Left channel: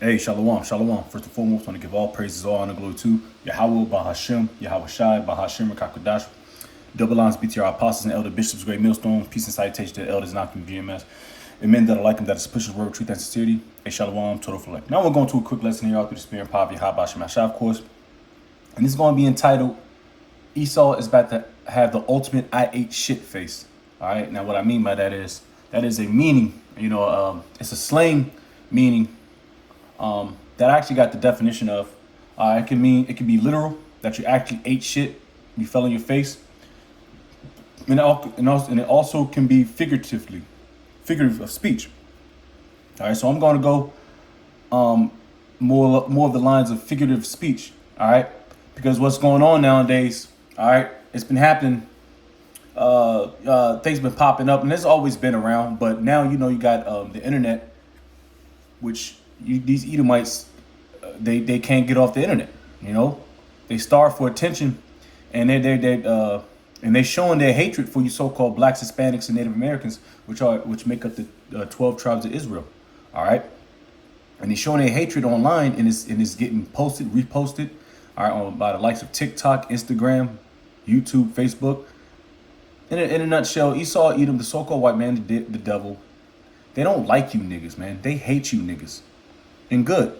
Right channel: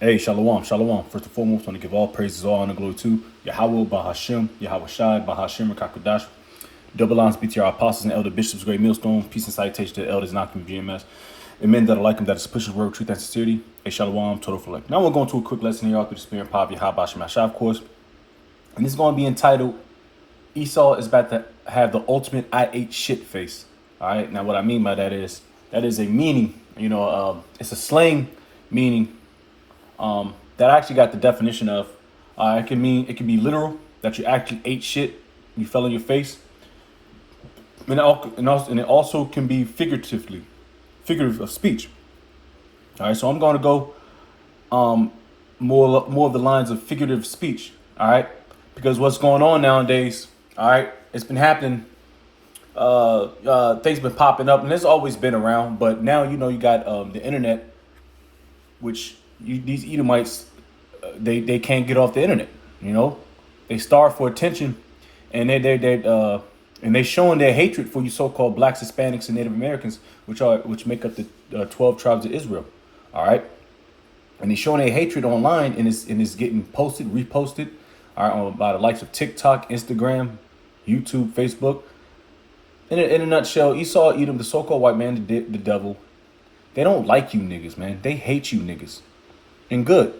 Hey, shalom, shalom. First and foremost, I want to give all praises, all honor, glory to Yahweh, Bahashem, Yahweh Shai, Bahashem, Rakakadash. Double lines, BTR apostles and elder bishops, great millstone. Peace and salutation to the elders, not from GMS. And men that are like him, that is pushing the word, truth, and sincerity. Hey, shalom, total for like. Now we're going to a quick lesson here out through the spirit and power of Yahweh Shem Shai, of course. And this is going to be entitled, Esau is about to have the ultimate I ate shit face. All right. Now, what I mean by that is a meaning, it's a slang meaning that I actually got the definition of. It can be literal, that you actually ate shit, you fell on your face. And it also can be figurative of speech. All right, so I'm going to go more of the lines of figurative speech. All right, because what's going on nowadays, all right, it's been happening. Things been popping up, and it's always been around. But now you got the internet, which these Edomites, they can't get off the internet. They starve for attention, and they showing their hatred for you so-called blacks, Hispanics, and Native Americans, which make up the 12 tribes of Israel. All right, and they're showing their hatred online, and it's getting posted, reposted, all right, by the likes of TikTok, Instagram, YouTube, Facebook. In a nutshell, Esau, Edom, the so-called white man, the devil, they don't like you niggas, man. They hate you niggas. And good.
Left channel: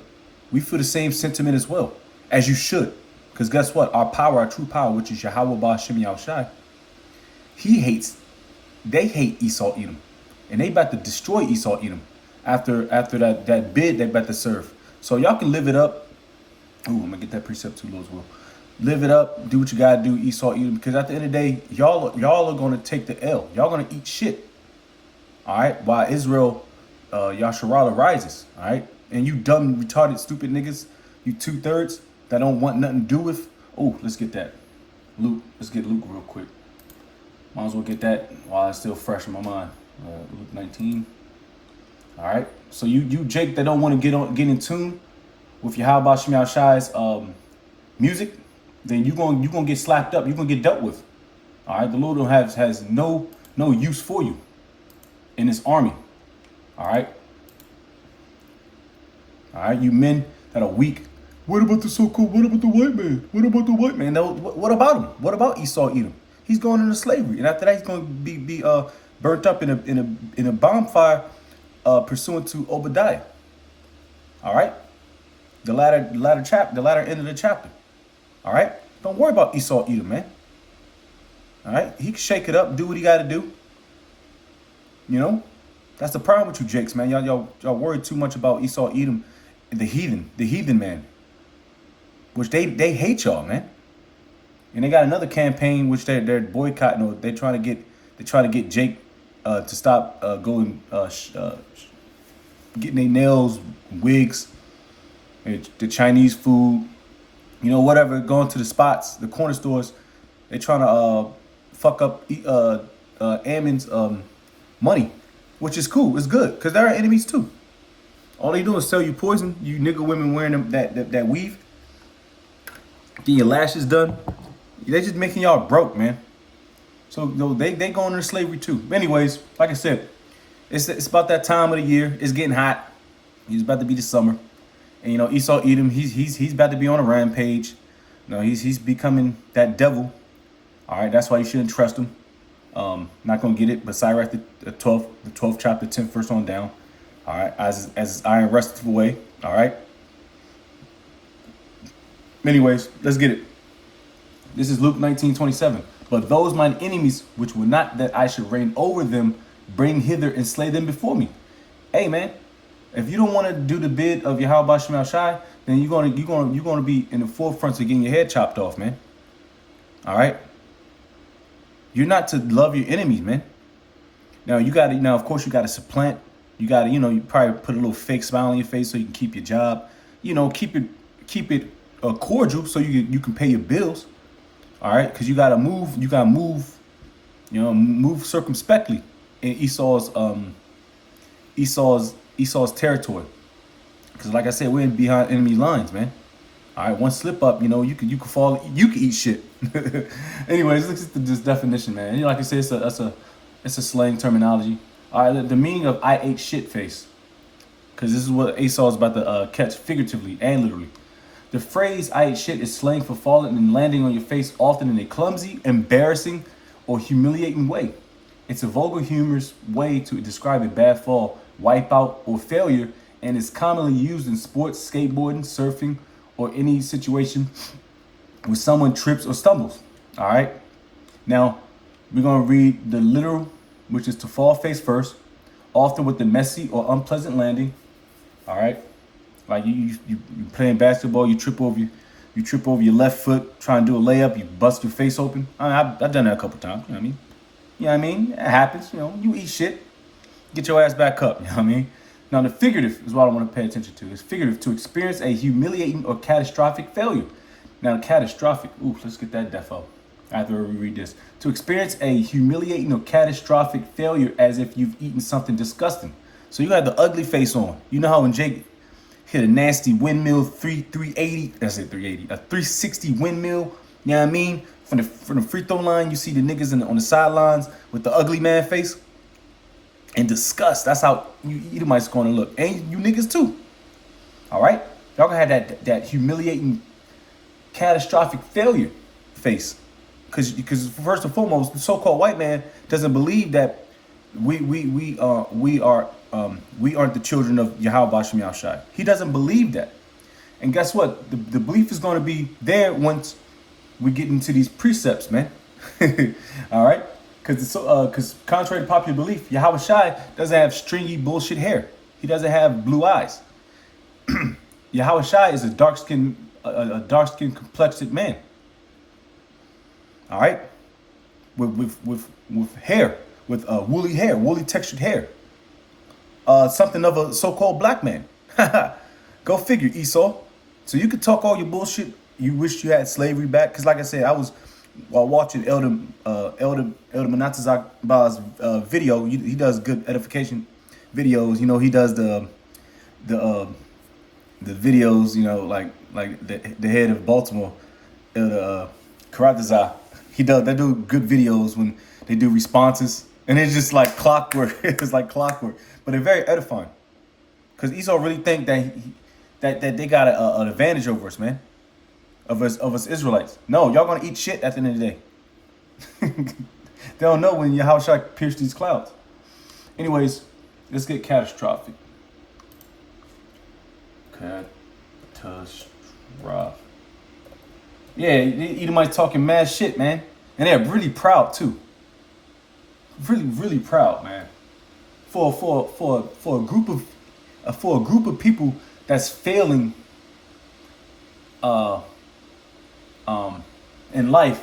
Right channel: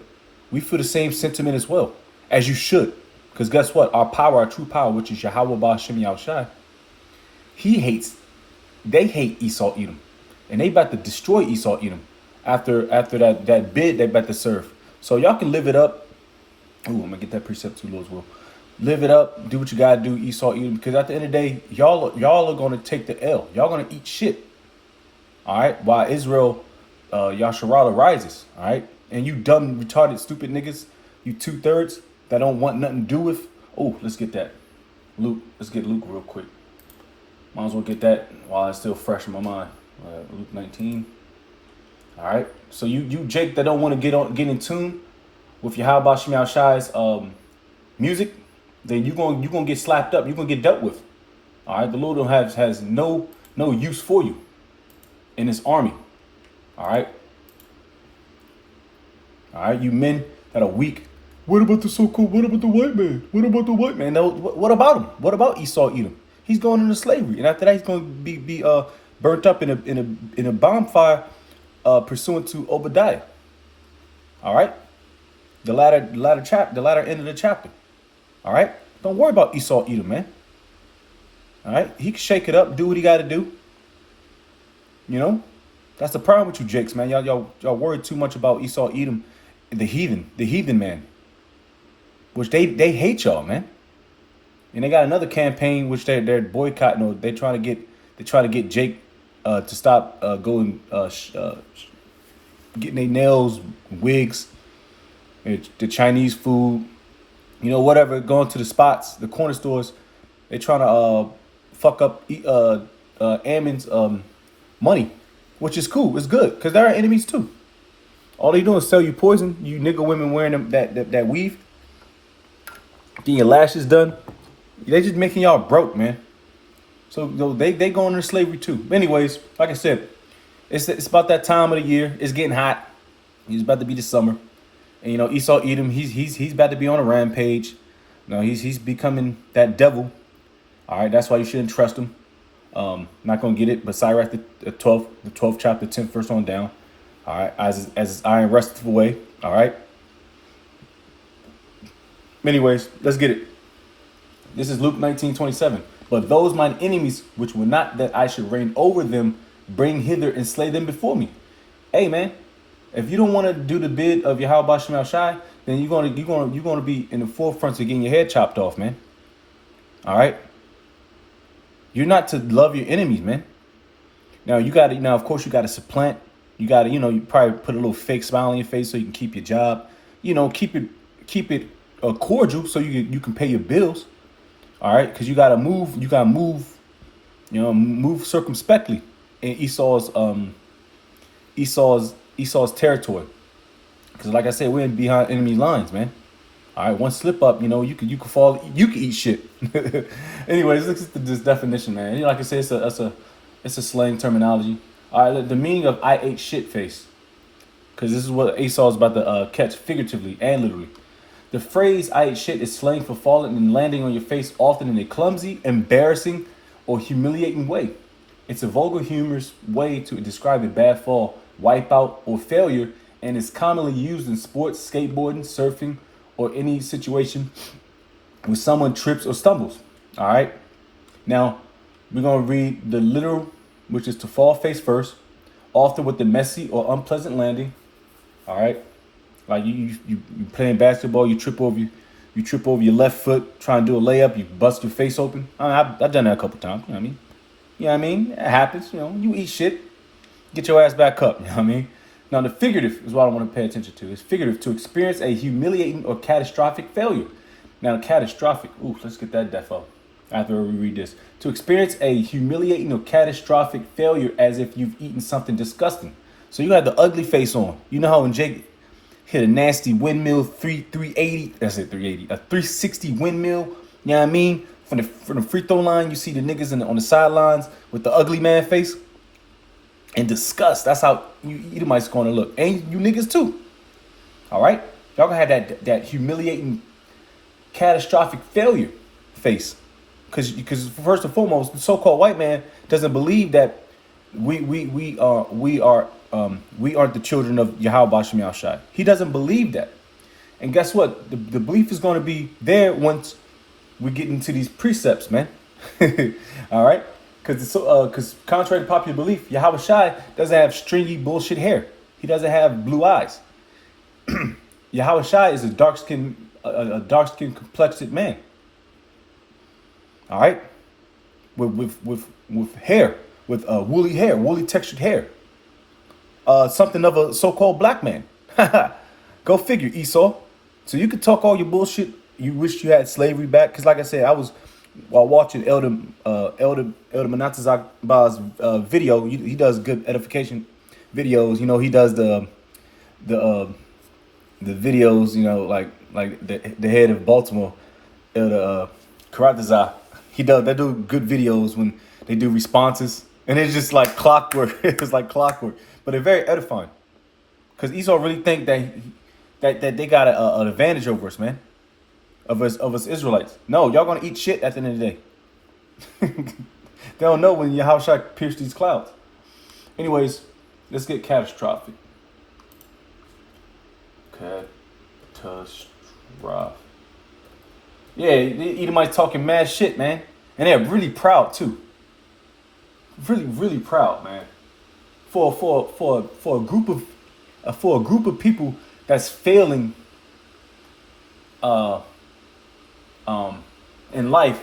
We feel the same sentiment as well, as you should. Because guess what? Our power, our true power, which is Yahweh Ba'Shem Yahushai, they hate Esau Edom. And they about to destroy Esau Edom after that bid they about to serve. So y'all can live it up. Ooh, I'm going to get that precept too, Lord's will. Live it up, do what you got to do, Esau Edom. Because at the end of the day, y'all are going to take the L. Y'all going to eat shit. All right? While Israel, Yasharala rises. All right? And you dumb, retarded, stupid niggas, you 2/3 that don't want nothing to do with. Oh, let's get that. Luke. Let's get Luke real quick. Might as well get that while it's still fresh in my mind. Luke 19. All right. So you Jake that don't want to get in tune with your Yahweh Shem Shai's music, then you gonna get slapped up. You're gonna get dealt with. All right. The Lord has no use for you in His army. All right. All right, you men that are weak. What about the so-called? What about the white man? What about the white man? What about him? What about Esau Edom? He's going into slavery, and after that, he's going to be burnt up in a bonfire, pursuant to Obadiah. All right, the latter end of the chapter. All right, don't worry about Esau Edom, man. All right, he can shake it up, do what he got to do. That's the problem with you jakes, man. Y'all worry too much about Esau Edom. The heathen man, which they hate y'all, man. And they got another campaign which they're boycotting, or they try to get Jake to stop getting their nails, wigs, the Chinese food, whatever, going to the spots, the corner stores. They trying to fuck up Ammon's money, which is cool. It's good because they're our enemies too. All they do is sell you poison. You nigga women wearing them that weave. Getting your lashes done. They just making y'all broke, man. So they going into slavery too. But anyways, like I said, it's about that time of the year. It's getting hot. It's about to be the summer. And Esau Edom, he's about to be on a rampage. He's becoming that devil. All right, that's why you shouldn't trust him. Not gonna get it, but Sirach the 12th chapter, 10th verse on down. All right, as his iron resteth away. All right. Anyways, let's get it. This is Luke 19:27. But those mine enemies, which were not that I should reign over them, bring hither and slay them before me. Hey, man, if you don't want to do the bid of Yahweh Shem Shai, then you're gonna be in the forefront of getting your head chopped off, man. All right. You're not to love your enemies, man. Now of course you gotta supplant. You gotta, you probably put a little fake smile on your face so you can keep your job. Keep it cordial so you can pay your bills. All right, because you gotta move. Move circumspectly in Esau's territory. Because like I said, we're in behind enemy lines, man. All right, one slip up, you can fall, you can eat shit. Anyways, look at this definition, man. Like I said, it's a slang terminology. All right, the meaning of I ate shit face because this is what Esau is about to catch figuratively and literally. The phrase "I ate shit" is slang for falling and landing on your face, often in a clumsy, embarrassing, or humiliating way. It's a vulgar, humorous way to describe a bad fall, wipeout, or failure, and is commonly used in sports, skateboarding, surfing, or any situation where someone trips or stumbles. All right. Now, we're going to read the literal, which is to fall face first, often with the messy or unpleasant landing. All right. Like you playing basketball, you trip over your left foot, trying to do a layup, you bust your face open. I've done that a couple times. You know what I mean? You know what I mean? It happens. You know, you eat shit, get your ass back up. You know what I mean? Now, the figurative is what I want to pay attention to. It's figurative, to experience a humiliating or catastrophic failure. Now, catastrophic, let's get that def up after we read this. To experience a humiliating or catastrophic failure as if you've eaten something disgusting. So you had the ugly face on. You know how when Jake hit a nasty windmill, 380, that's it, 380, a 360 windmill, you know what I mean? From the free throw line, you see the niggas on the sidelines with the ugly man face. And disgust, that's how you Edomites going to look. And you niggas too. All right? Y'all gonna have that humiliating, catastrophic failure face. Because first and foremost, the so-called white man doesn't believe that we aren't the children of Yahweh Bashem Yahushai. He doesn't believe that. And guess what? The belief is going to be there once we get into these precepts, man. All right? Because contrary to popular belief, Yahweh Shai doesn't have stringy bullshit hair. He doesn't have blue eyes. Yahweh Shai is a dark-skinned complexed man. All right? With hair, with woolly hair, woolly textured hair. Something of a so-called black man. Go figure, Esau. So you could talk all your bullshit. You wish you had slavery back. Because like I said, I was, while watching Elder Manatazak's video, he does good edification videos. You know, he does the videos, you know, like the head of Baltimore, Elder Karatazar. They do good videos when they do responses. And it's just like clockwork. It's like clockwork. But they're very edifying. Because Esau really think that they got an advantage over us, man. Of us Israelites. No, y'all gonna eat shit at the end of the day. They don't know when Yahushua pierced these clouds. Anyways, let's get catastrophic. Catastrophic. Yeah, Edomites talking mad shit, man. And they're really proud too. Really, really proud, man. For a group of people that's failing in life,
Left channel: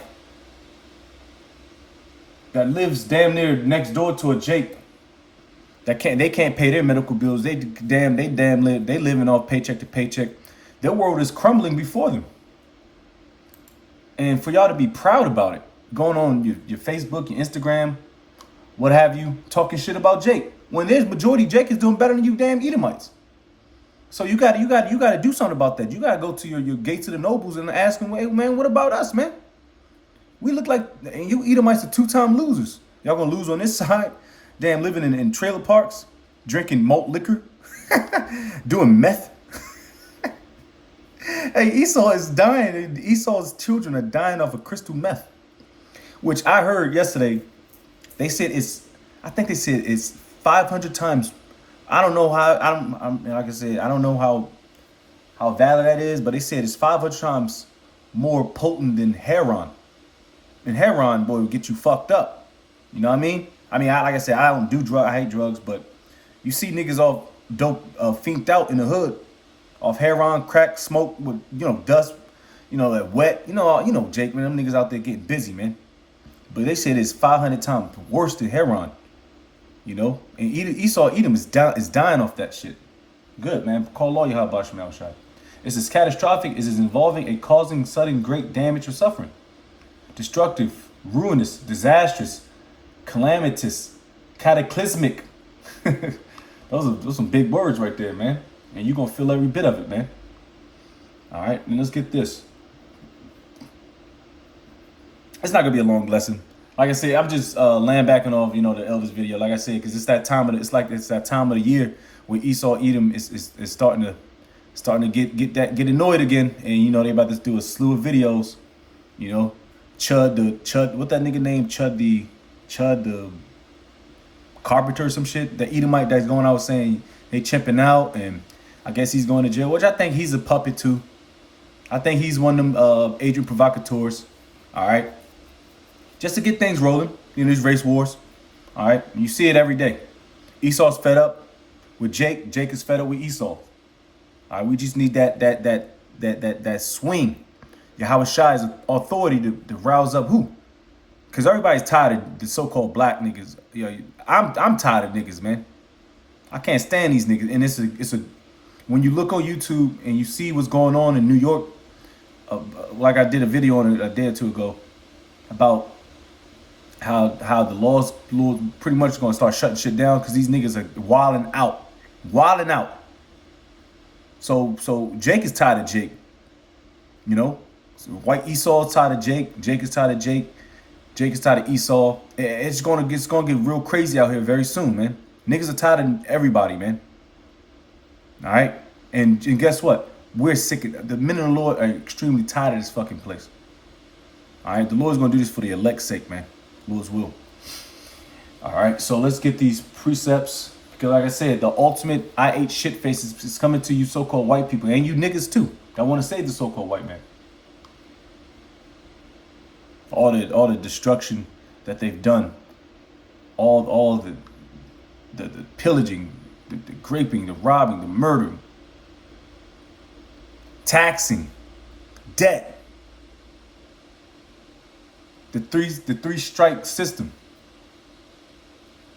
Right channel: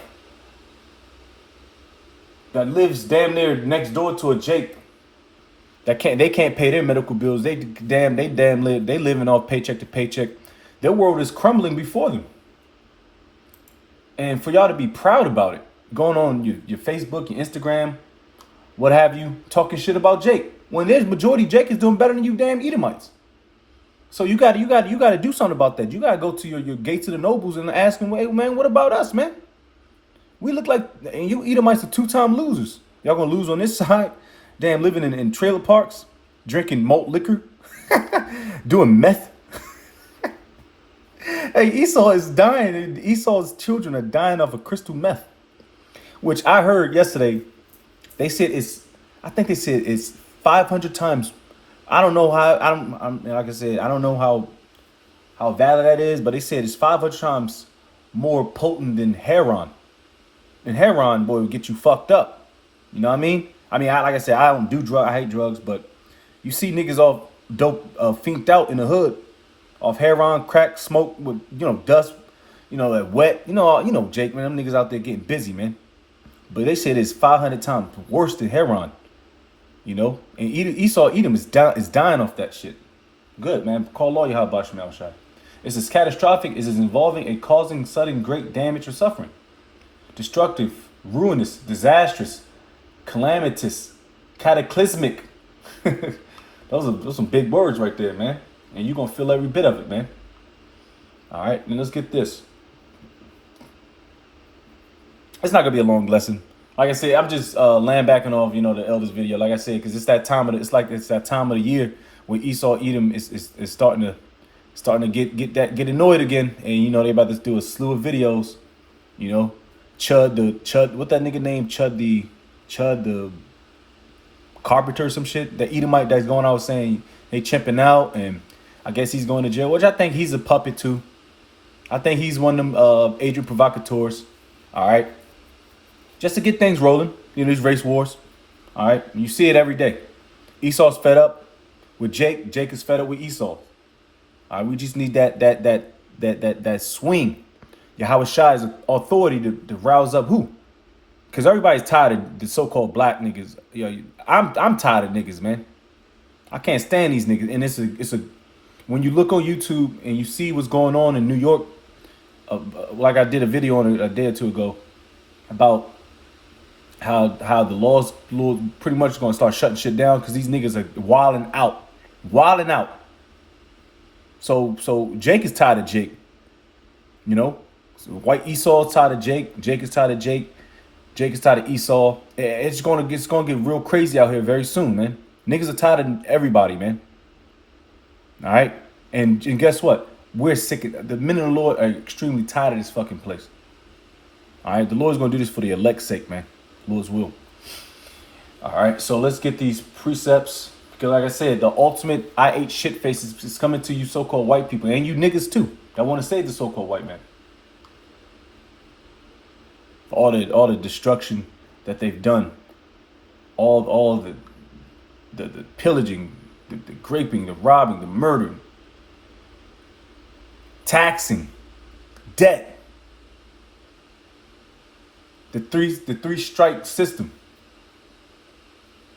that lives damn near next door to a Jake, they can't pay their medical bills. They living off paycheck to paycheck. Their world is crumbling before them. And for y'all to be proud about it, going on your Facebook, your Instagram, what have you, talking shit about Jake, when there's majority Jake is doing better than you damn Edomites. So you got to do something about that. You got to go to your gates of the nobles and ask them, hey, man, what about us, man? We look like, and you Edomites are two-time losers. Y'all going to lose on this side, damn living in trailer parks, drinking malt liquor, doing meth. Hey, Esau is dying. Esau's children are dying off of crystal meth, which I heard yesterday. They said I think they said it's 500 times. I don't know how. Like I said, I don't know how valid that is, but they said it's 500 times more potent than heroin. And heroin, boy, will get you fucked up. You know what I mean? Like I said, I don't do drugs. I hate drugs, but you see niggas all dope, finked out in the hood, off heroin, crack, smoke with dust, that wet. Jake, man, them niggas out there getting busy, man. But they said it's 500 times worse than heroin. And Esau Edom is dying off that shit. Good, man. Call lawyer how about Shemel Shai. It's as catastrophic as is involving a causing sudden great damage or suffering. Destructive, ruinous, disastrous, calamitous, cataclysmic. Those are some big words right there, man. And you're going to feel every bit of it, man. All right, then let's get this. It's not going to be a long lesson. Like I said, I'm just laying back off, the elders video. Like I said, because it's that time of the year where Esau Edom is starting to get annoyed again, and you know they about to do a slew of videos. You know, Chud, what that nigga name? Chud the carpenter or some shit. The Edomite that's going out saying they chimping out, and I guess he's going to jail, which I think he's a puppet too. I think he's one of them agent provocateurs. All right, just to get things rolling. You know, these race wars. All right, you see it every day. Esau's fed up with Jake. Jake is fed up with Esau. All right, we just need that swing. Yahweh Shai's authority to rouse up who? Because everybody's tired of the so-called black niggas. You know, I'm tired of niggas, man. I can't stand these niggas. And it's a when you look on YouTube and you see what's going on in New York, like I did a video on it a day or two ago about how the laws pretty much going to start shutting shit down because these niggas are wilding out. So Jake is tired of Jake, you know. So white Esau is tired of Jake. Jake is tired of Jake. Jake is tired of Esau. It's gonna get real crazy out here very soon, man. Niggas are tired of everybody, man. All right, and guess what? We're sick of the men of the Lord are extremely tired of this fucking place. All right, the Lord's gonna do this for the elect's sake, man. Lord's will. All right, so let's get these precepts. Because like I said, the ultimate I ate shit faces is coming to you so-called white people. And you niggas too. That want to save the so-called white man. All the destruction that they've done. All the pillaging, the raping, the robbing, the murdering. Taxing. Debt. The three strike system.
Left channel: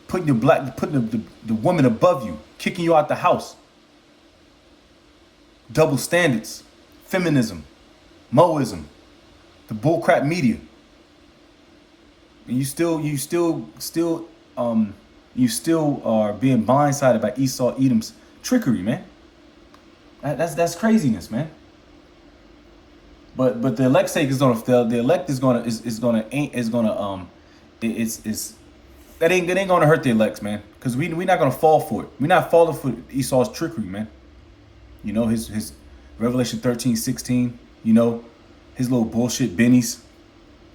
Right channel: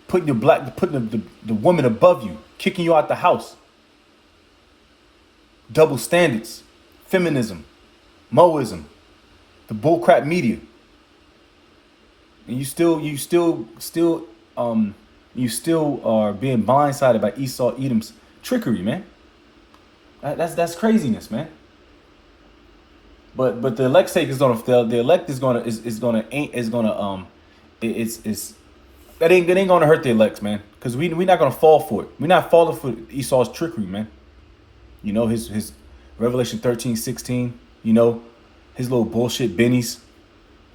Putting the woman above you, kicking you out the house. Double standards, feminism, Moism, the bullcrap media. And you still are being blindsided by Esau Edom's trickery, man. That's craziness, man. But the elect's sake is gonna fail. The elect is gonna That ain't gonna hurt the elects, man. Because we not gonna fall for it. We're not falling for Esau's trickery, man. You know, his Revelation 13:16, you know, his little bullshit bennies,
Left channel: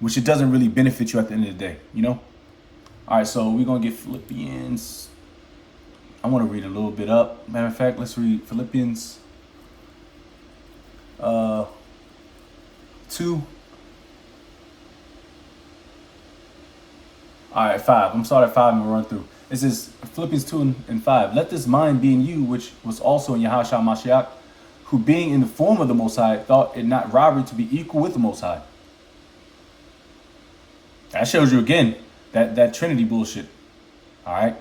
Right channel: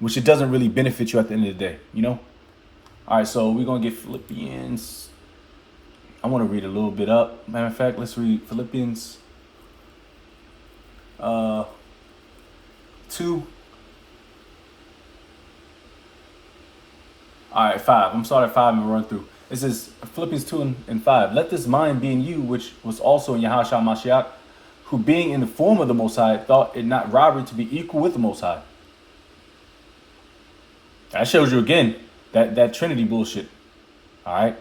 which it doesn't really benefit you at the end of the day, you know? All right, so we're gonna get Philippians. I want to read a little bit up. Matter of fact, let's read Philippians 2. All right, 5. I'm starting at 5 and we'll run through. It says, Philippians 2 and 5. Let this mind be in you, which was also in Yahushua Mashiach, who being in the form of the Most High, thought it not robbery to be equal with the Most High. That shows you again that Trinity bullshit. All right.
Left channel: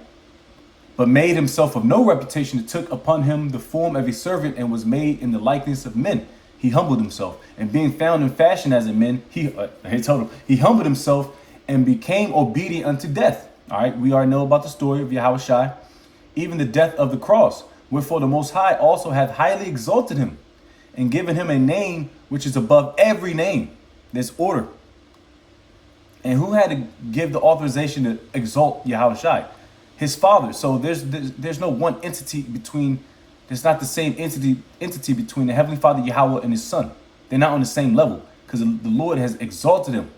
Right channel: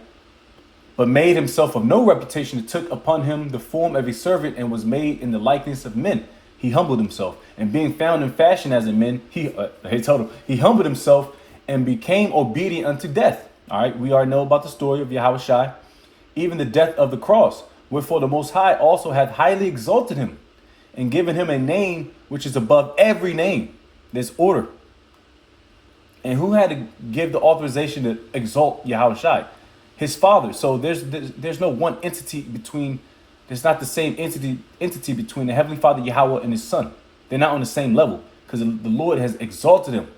But made himself of no reputation, and took upon him the form of a servant, and was made in the likeness of men. He humbled himself, and being found in fashion as a man, he humbled himself and became obedient unto death. All right, we already know about the story of Yahweh Shai, even the death of the cross. Wherefore the Most High also hath highly exalted him, and given him a name which is above every name. There's order. And who had to give the authorization to exalt Yahweh Shai? His Father. So there's no one entity between. There's not the same entity between the Heavenly Father Yahweh and His Son. They're not on the same level because the Lord has exalted him,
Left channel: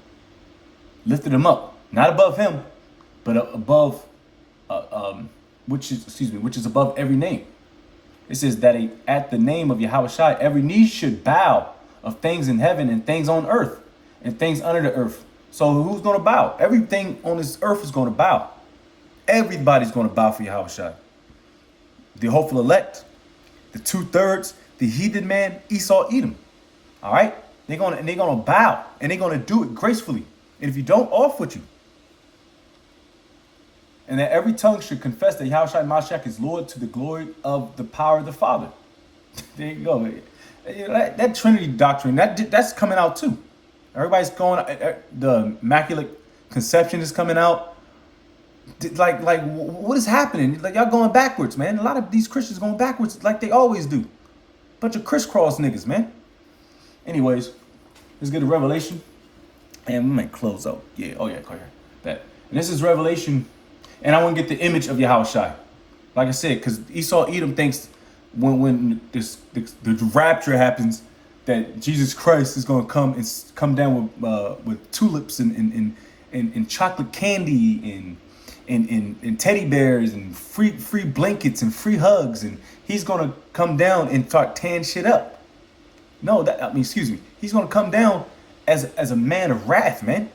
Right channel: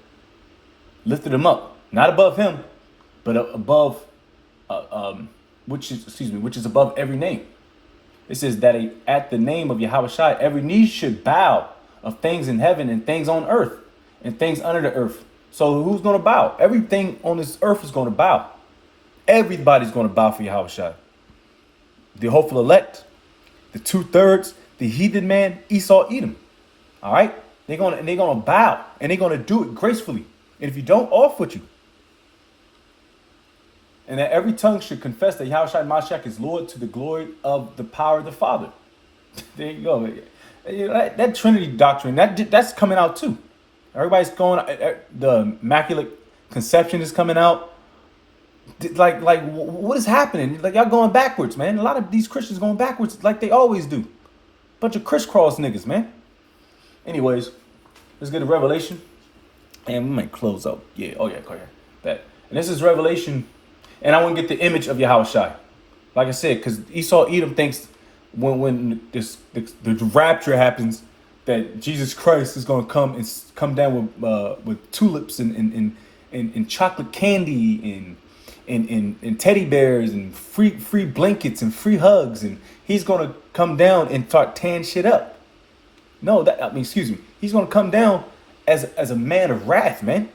lifted him up, not above him, but above, which is above every name. It says that at the name of Yahweh Shai, every knee should bow, of things in heaven and things on earth and things under the earth. So who's going to bow? Everything on this earth is going to bow. Everybody's going to bow for Yahweh Shai. The hopeful elect, the 2/3, the heathen man, Esau Edom. All right, they're gonna bow, and they're gonna do it gracefully. And if you don't, off with you. And that every tongue should confess that Yahweh Shai Mashiach is Lord, to the glory of the power of the Father. There you go. That Trinity doctrine, that's coming out too. Everybody's going. The Immaculate Conception is coming out. Like what is happening? Like, y'all going backwards, man. A lot of these Christians going backwards like they always do. Bunch of crisscross niggas, man. Anyways, let's get to Revelation. And we might close out. Yeah, oh yeah, go ahead. That. And this is Revelation. And I want to get the image of Yahweh Shai. Like I said, because Esau Edom thinks when the rapture happens that Jesus Christ is going to come and come down with tulips and chocolate candy and teddy bears and free blankets and free hugs, and he's going to come down and start tearing shit up. No, excuse me. He's going to come down as a man of wrath, man,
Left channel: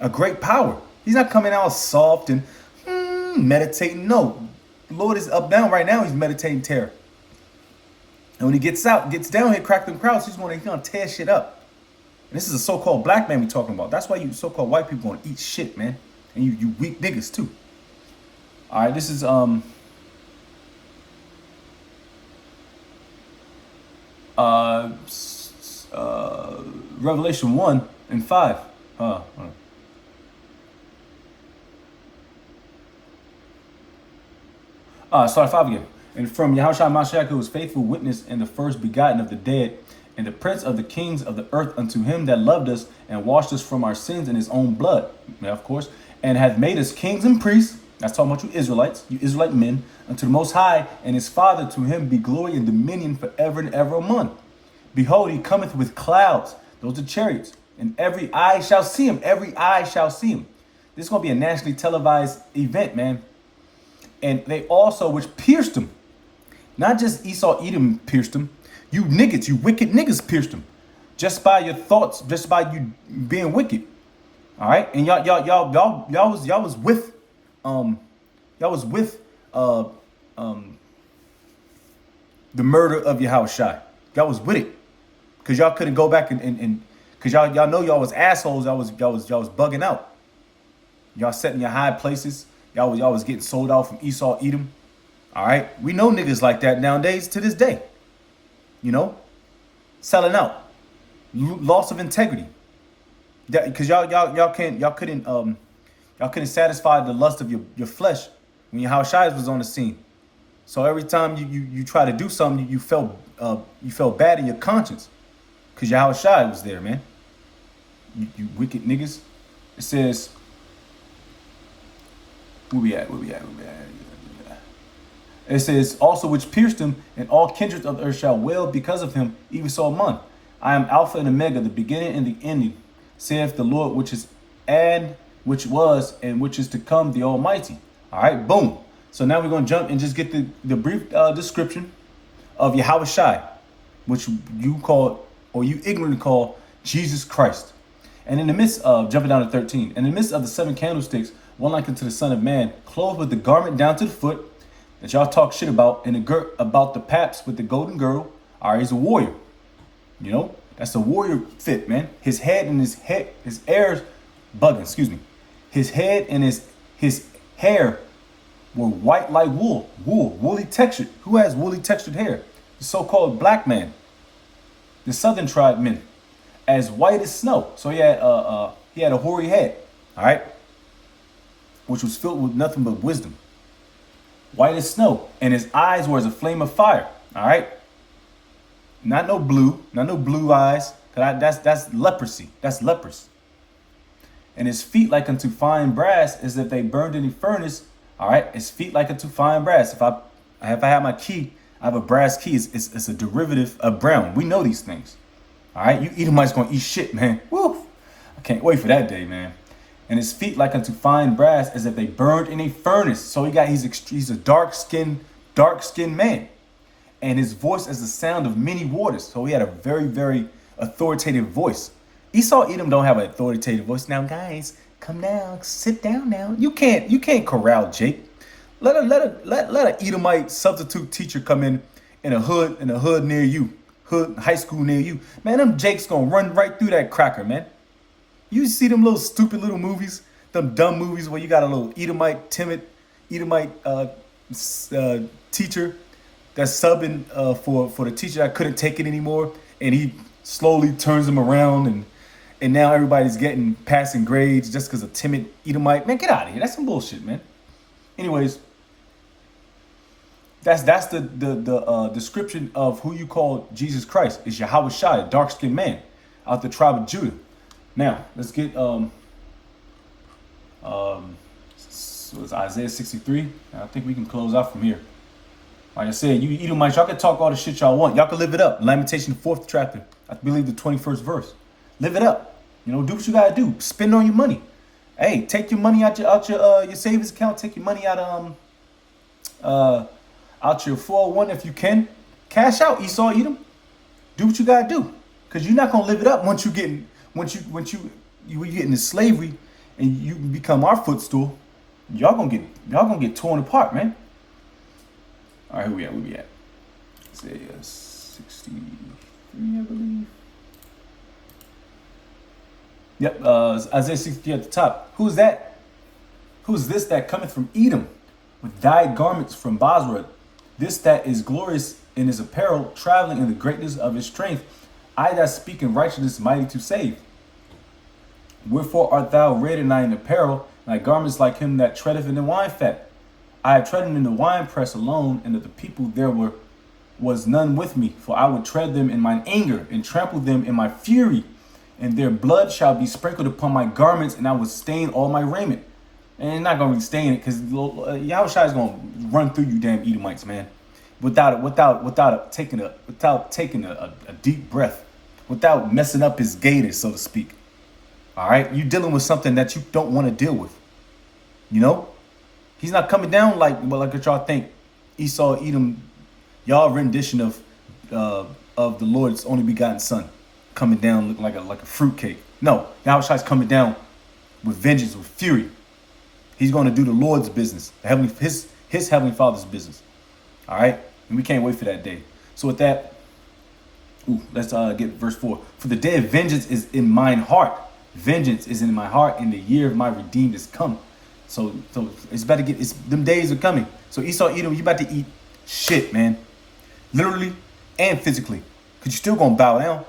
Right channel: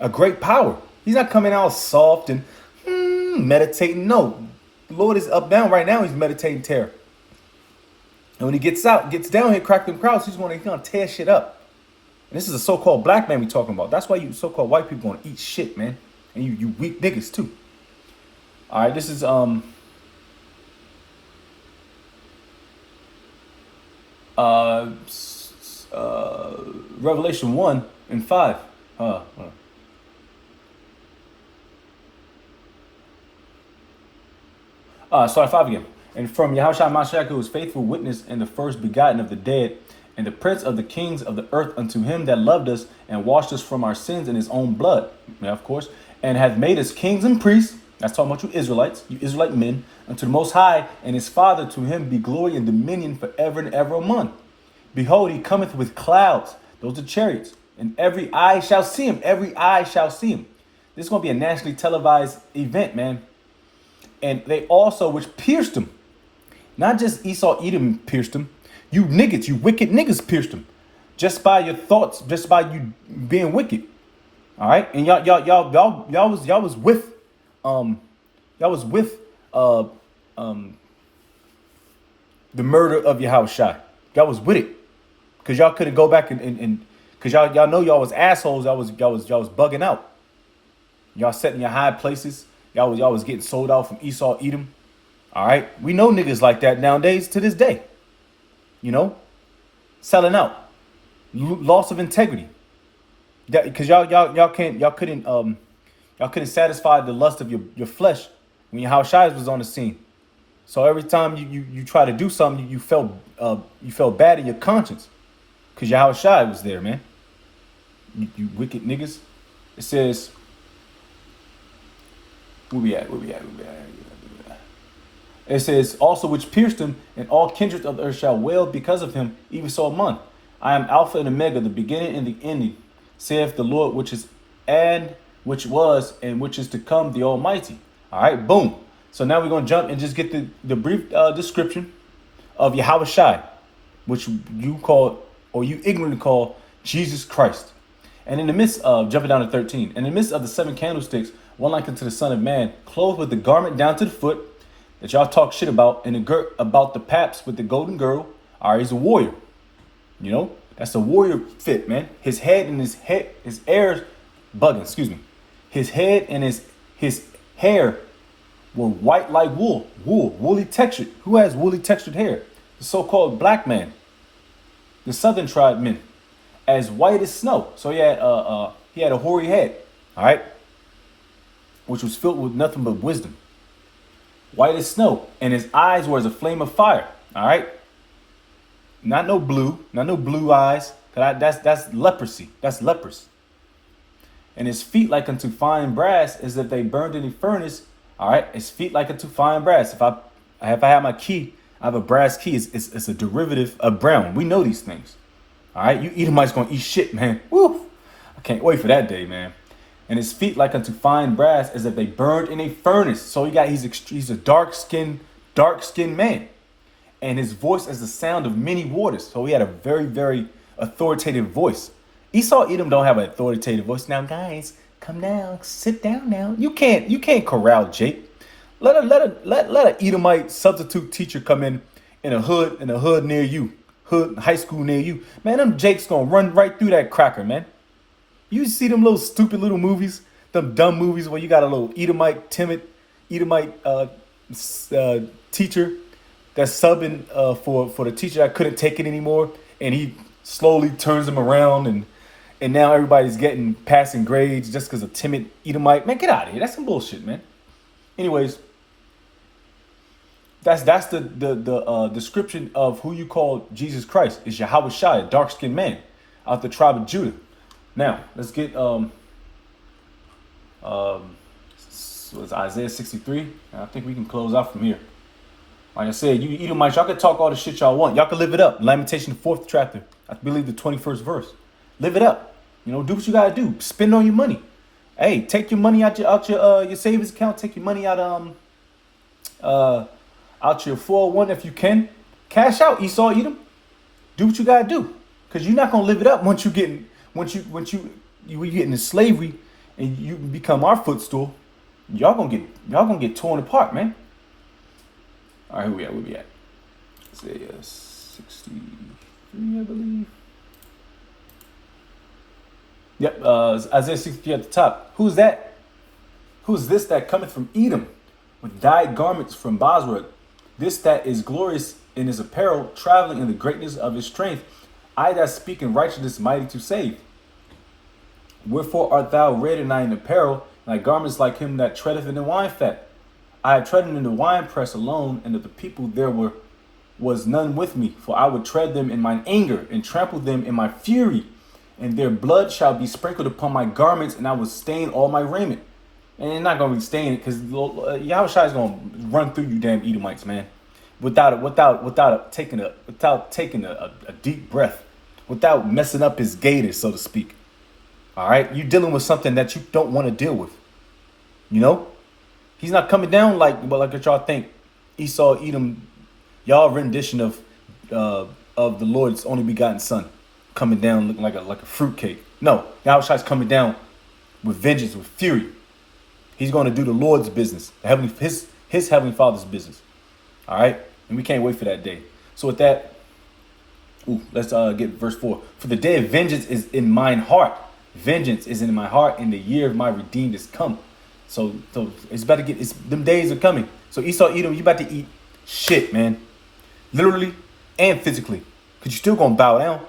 a great power. He's not coming out soft and meditating. No, the Lord is up down right now. He's meditating terror. And when he gets down here, crack them crowds, he's gonna tear shit up. And this is a so-called black man we talking about. That's why you so-called white people gonna eat shit, man. And you weak niggas too. All right, this is Revelation 1:5. Start 5 again. And from Yahushua Mashiach, who was faithful witness and the first begotten of the dead, and the prince of the kings of the earth, unto him that loved us and washed us from our sins in his own blood, of course, and hath made us kings and priests. That's talking about you Israelites, you Israelite men, unto the Most High and his Father. To him be glory and dominion forever and ever. Amen. Behold, he cometh with clouds. Those are chariots. And every eye shall see him. Every eye shall see him. This is going to be a nationally televised event, man. And they also, which pierced him. Not just Esau Edom pierced him. You niggas, you wicked niggas pierced him. Just by your thoughts, just by you being wicked. All right? And y'all was with the murder of Yahushua. Y'all was with it. Cause y'all couldn't go back and cause y'all know y'all was assholes. Y'all was bugging out. Y'all sat in your high places. Y'all was getting sold out from Esau Edom. All right, we know niggas like that nowadays to this day. You know, selling out, loss of integrity. Because y'all couldn't satisfy the lust of your flesh when Yahushua was on the scene. So every time you try to do something, you felt bad in your conscience, because Yahushua was there, man. You wicked niggas. It says, where we at? It says, also which pierced him, and all kindreds of the earth shall wail because of him, even so among. I am Alpha and Omega, the beginning and the ending, saith the Lord, which is and which was and which is to come, the Almighty. All right, boom. So now we're going to jump and just get the brief description of Yahushua, which you call, or you ignorantly call, Jesus Christ. And in the midst of, jumping down to 13, in the midst of the 7 candlesticks, one like unto the Son of Man, clothed with the garment down to the foot, that y'all talk shit about, and the girt about the paps with the golden girdle. All right, he's a warrior. You know, that's a warrior fit, man. His head and his hair's bugging, excuse me. His head and his hair were white like woolly textured. Who has woolly textured hair? The so-called black man, the southern tribe men, as white as snow. So he had a hoary head, all right, which was filled with nothing but wisdom, white as snow, and his eyes were as a flame of fire. All right, not no blue eyes. That's leprosy. That's leprous. And his feet like unto fine brass, as if they burned in a furnace. All right, his feet like unto fine brass. If I have my key, I have a brass key. It's a derivative of brown. We know these things. All right, you Edomites gonna eat shit, man. Woo! I can't wait for that day, man. And his feet like unto fine brass, as if they burned in a furnace. So he's a dark skinned man, and his voice as the sound of many waters. So he had a very, very authoritative voice. Esau Edom don't have an authoritative voice. Now, guys, come down, sit down now. You can't corral Jake. Let an Edomite substitute teacher come in a hood near you, high school near you. Man, them Jakes gonna run right through that cracker, man. You see them little stupid little movies, them dumb movies where you got a little timid Edomite teacher that's subbing for the teacher that couldn't take it anymore, and he slowly turns them around, and now everybody's getting passing grades just because of timid Edomite. Man, get out of here. That's some bullshit, man. Anyways, that's the description of who you call Jesus Christ. Is Yahushua, a dark-skinned man out the tribe of Judah. Now, let's get it's Isaiah 63. I think we can close out from here. Like I said, you Edomites, y'all can talk all the shit y'all want. Y'all can live it up. Lamentation, the 4th chapter. I believe the 21st verse. Live it up. You know, do what you gotta do. Spend on your money. Hey, take your money out your savings account. Take your money out your 401 if you can. Cash out, Esau, Edom. Do what you gotta do, cause you're not gonna live it up once you get into slavery and you become our footstool. Y'all gonna get torn apart, man. All right, where we at? Isaiah 63, I believe. Yep, Isaiah 63 at the top. Who's that? Who's this that cometh from Edom with dyed garments from Bosra? This that is glorious in his apparel, traveling in the greatness of his strength. I that speak in righteousness, mighty to save. Wherefore art thou red in thine apparel, and thy garments like him that treadeth in the wine fat? I have trodden in the winepress alone, and of the people there was none with me. For I would tread them in mine anger, and trample them in my fury. And their blood shall be sprinkled upon my garments, and I will stain all my raiment. And you're not gonna stain it, because Yahushua is gonna run through you, damn Edomites, man. Without taking a deep breath, without messing up his gators, so to speak. All right, you're dealing with something that you don't want to deal with. You know, he's not coming down like what y'all think. Esau, Edom, y'all rendition of the Lord's only begotten Son, coming down looking like a fruitcake. No, Yahushua's coming down with vengeance, with fury. He's going to do the Lord's business, his heavenly Father's business. All right, and we can't wait for that day. So with that, let's get verse 4. For the day of vengeance is in mine heart. Vengeance is in my heart, and the year of my redeemed is come. So it's about to get. Them days are coming. So Esau, Edom, you about to eat shit, man. Literally and physically, because you're still gonna bow down.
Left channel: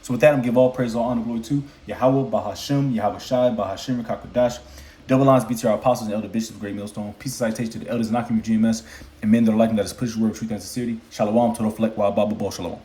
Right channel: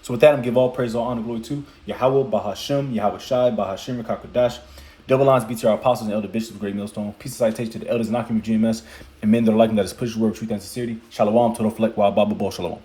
So with that, I'm gonna give all praise, all honor, glory to Yahweh, Bahashem, Yahweh Shai, Bahashem, Rekakodash. Double lines be to our apostles and elder bishops of Great Millstone. Peace and salutation to the elders and Akim GMS and men that are liking that is push word, truth, and sincerity. Shalom, Todoflek, Wa Baba Bo Shalom.